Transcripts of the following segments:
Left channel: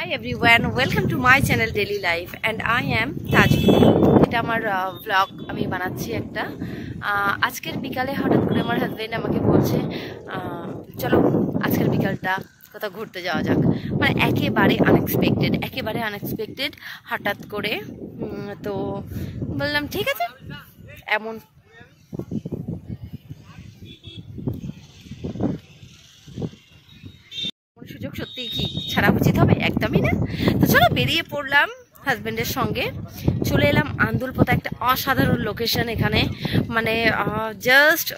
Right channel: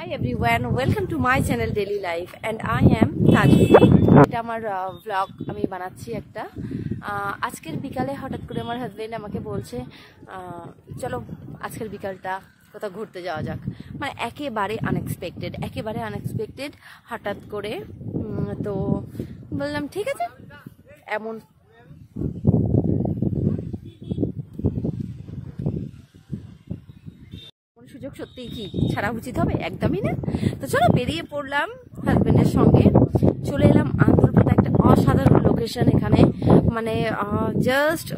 Hi everyone, welcome to my channel Daily Life and I am Tajvi। এটা আমার blog আমি বানাচ্ছি একটা। আজকের বিকালে হঠাৎ করে আমার হাজবেন্ড আমাকে বলছে চলো আজকের বিকালটা কোথাও ঘুরতে যাওয়া যাক। মানে একেবারে আনএক্সপেক্টেড হঠাৎ করে। তো বললাম ঠিক আছে। এমন সুযোগ সত্যি কি ছাড়া উচিত হবে? একদমই না। তো চলো বেরিয়ে পড়লাম হাজবেন্ডের সঙ্গে, চলে এলাম আন্দুলপোতা, একটা অসাধারণ লোকেশন এখানে। মানে জাস্ট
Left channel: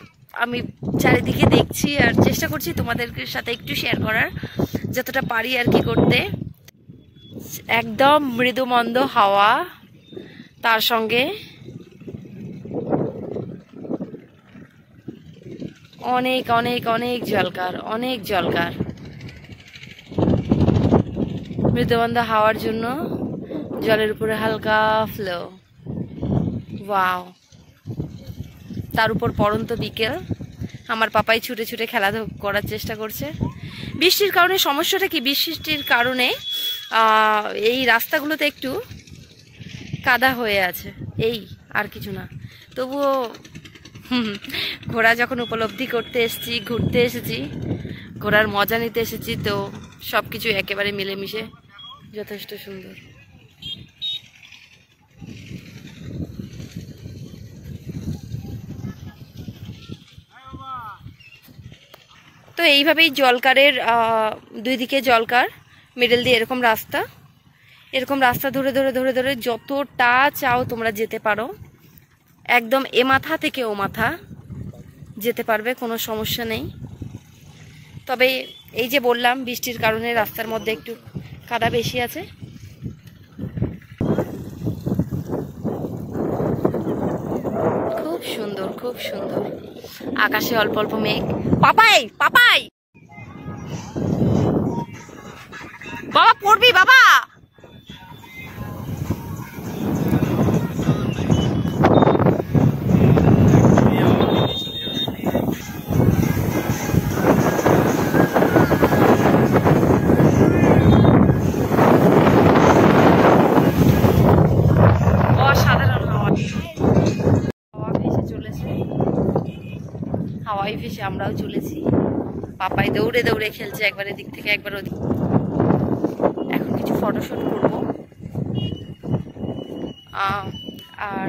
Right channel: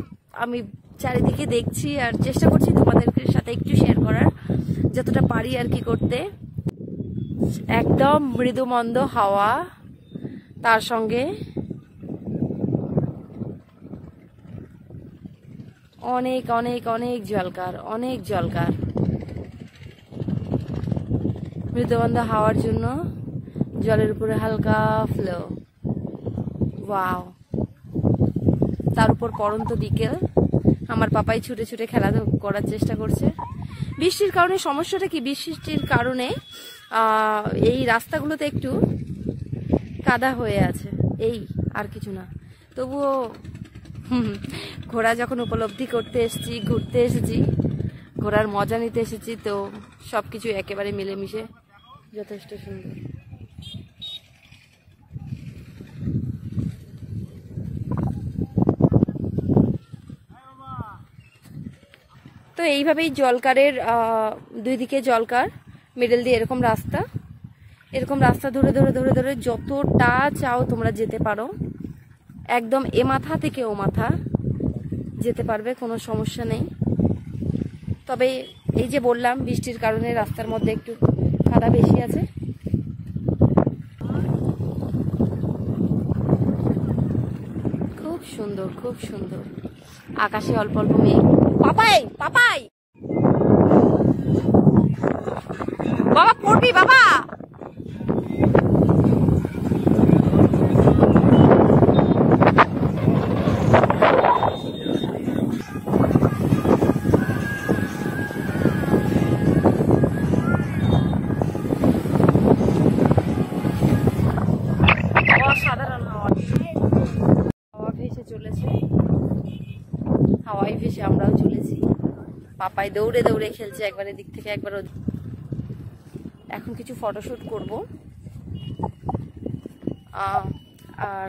আমি চারিদিকে দেখছি আর চেষ্টা করছি তোমাদের সাথে একটু শেয়ার করার, যতটা পারি আর কি করতে। একদম মৃদুমন্দ হাওয়া, তার সঙ্গে অনেক অনেক অনেক জলকার মৃদুমন্দ হাওয়ার জন্য জলের উপরে হালকা ফ্লো। ওয়াও! তার উপর পড়ন্ত বিকেল, আমার পাপাই ছুটে ছুটে খেলা করার চেষ্টা করছে। বৃষ্টির কারণে সমস্যাটা কি, বৃষ্টির কারণে এই রাস্তাগুলোতে একটু কাদা হয়ে আছে, এই আর কিছু না। তবুও ঘোড়া যখন উপলব্ধি করতে এসেছি, ঘুরতে এসেছি, ঘোরার মজা নিতে এসেছি, তো সব কিছু একেবারে মিলেমিশে যথেষ্ট সুন্দর। তো এইভাবেই জলকারের দুই দিকে জলকার, মিডল দিয়ে এরকম রাস্তা ধরে যতটা চাও তোমরা যেতে পারো। একদম এ মাথা থেকে ও মাথা যেতে পারবে, কোনো সমস্যা নেই। তবে এই যে বললাম বৃষ্টির কারণে রাস্তার মধ্যে একটু কাদা বেশি আছে। খুব সুন্দর আকাশে অল্প অল্প মেঘ। পাপাই বাবা পড়বি বাবা। হাওয়াই ভেসে আমরাও চলেছি। পাপাই দৌড়ে খেলছে, একবার এদিক থেকে একবার ওদিক। এখন কিছু ফটোশুট করব আর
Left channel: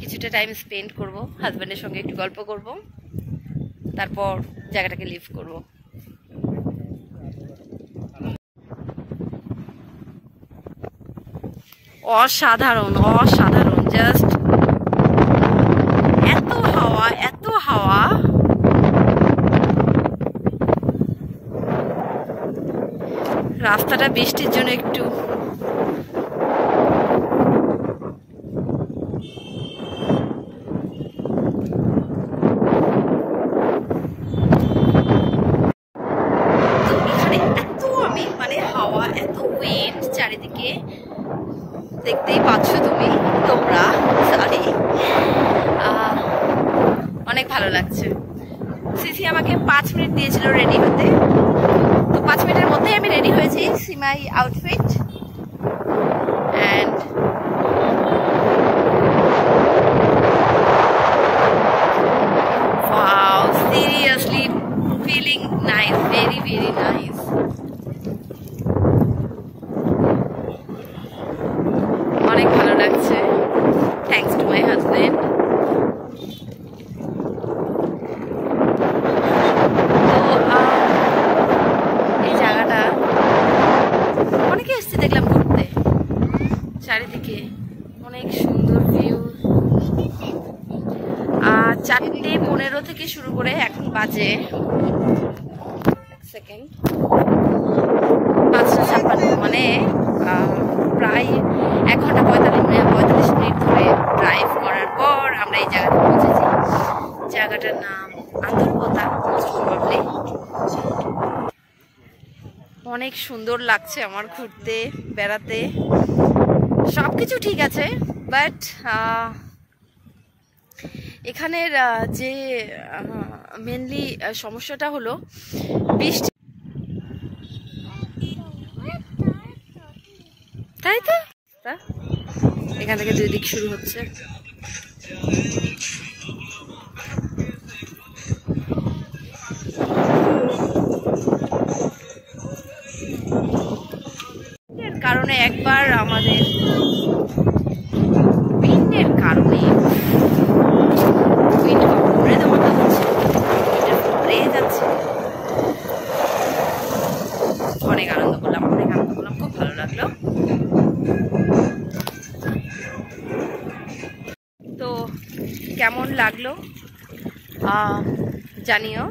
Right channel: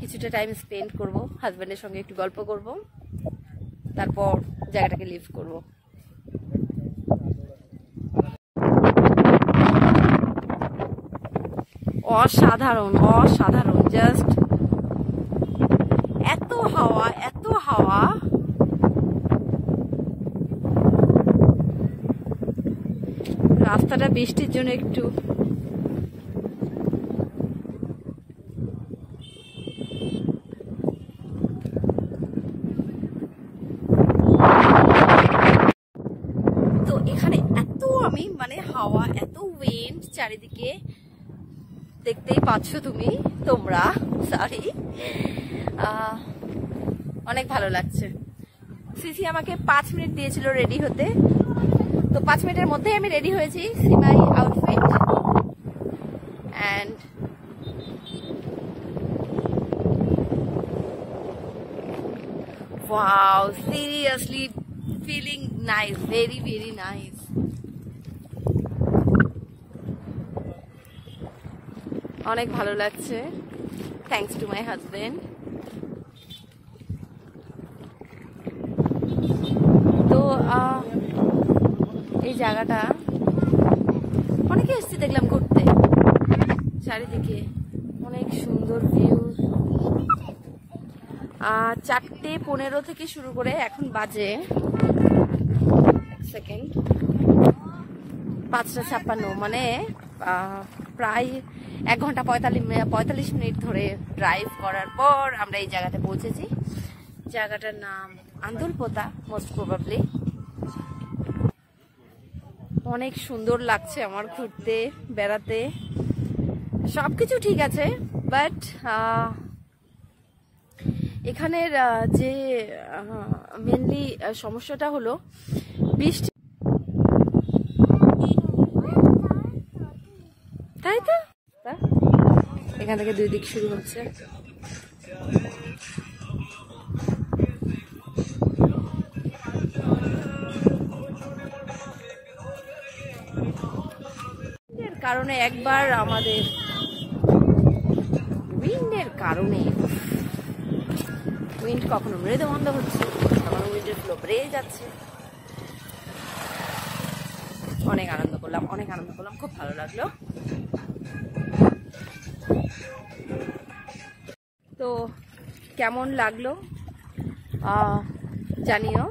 কিছুটা টাইম স্পেন্ড করব, হাজব্যান্ডের সঙ্গে একটু গল্প করব, তারপর জায়গাটাকে লিভ করব। অসাধারণ জাস্ট এত হাওয়া। রাস্তাটা বৃষ্টির জন্য একটু এখানে এত হাওয়া, এত উইন্ড চারিদিকে, দেখতেই পাচ্ছ তোমরা। সরি, অনেক ভালো লাগছে। সিসি আমাকে 5 মিনিট দিয়েছিল রেডি হতে, তো 5 মিনিটের মধ্যেই আমি রেডি হয়েছি। See my outfit and wow, seriously feeling nice, very nice. অনেক ভালো লাগছে, থ্যাঙ্কস টু মাই হাজবেন্ড। এই জায়গাটা অনেকে এসছে দেখলাম ঘুরতে, চারিদিকে অনেক সুন্দর ভিউ। 4:15 থেকে শুরু করে এখন বাজে 5:56, মানে প্রায় 1 ঘন্টা 45 মিনিট ধরে ড্রাইভ করার পর আমরা এই জায়গাটা পৌঁছেছি। জায়গাটার নাম আন্দুলপোতা, মোস্ট প্রবাবলি। অনেক সুন্দর লাগছে আমার ঘুরতে বেড়াতে, সবকিছু ঠিক আছে, বাট এখানের যে মেনলি সমস্যাটা হলো বৃষ্টি। তাই তো, এখান থেকে দুই দিক শুরু হচ্ছে। এর কারণে একবার আমাদের উইন্ডের কারণে উইন্ড কখনো মতো হচ্ছে, যাচ্ছে। অনেক আনন্দ করলাম, খুব ভালো লাগলো। তো কেমন লাগলো জানিও।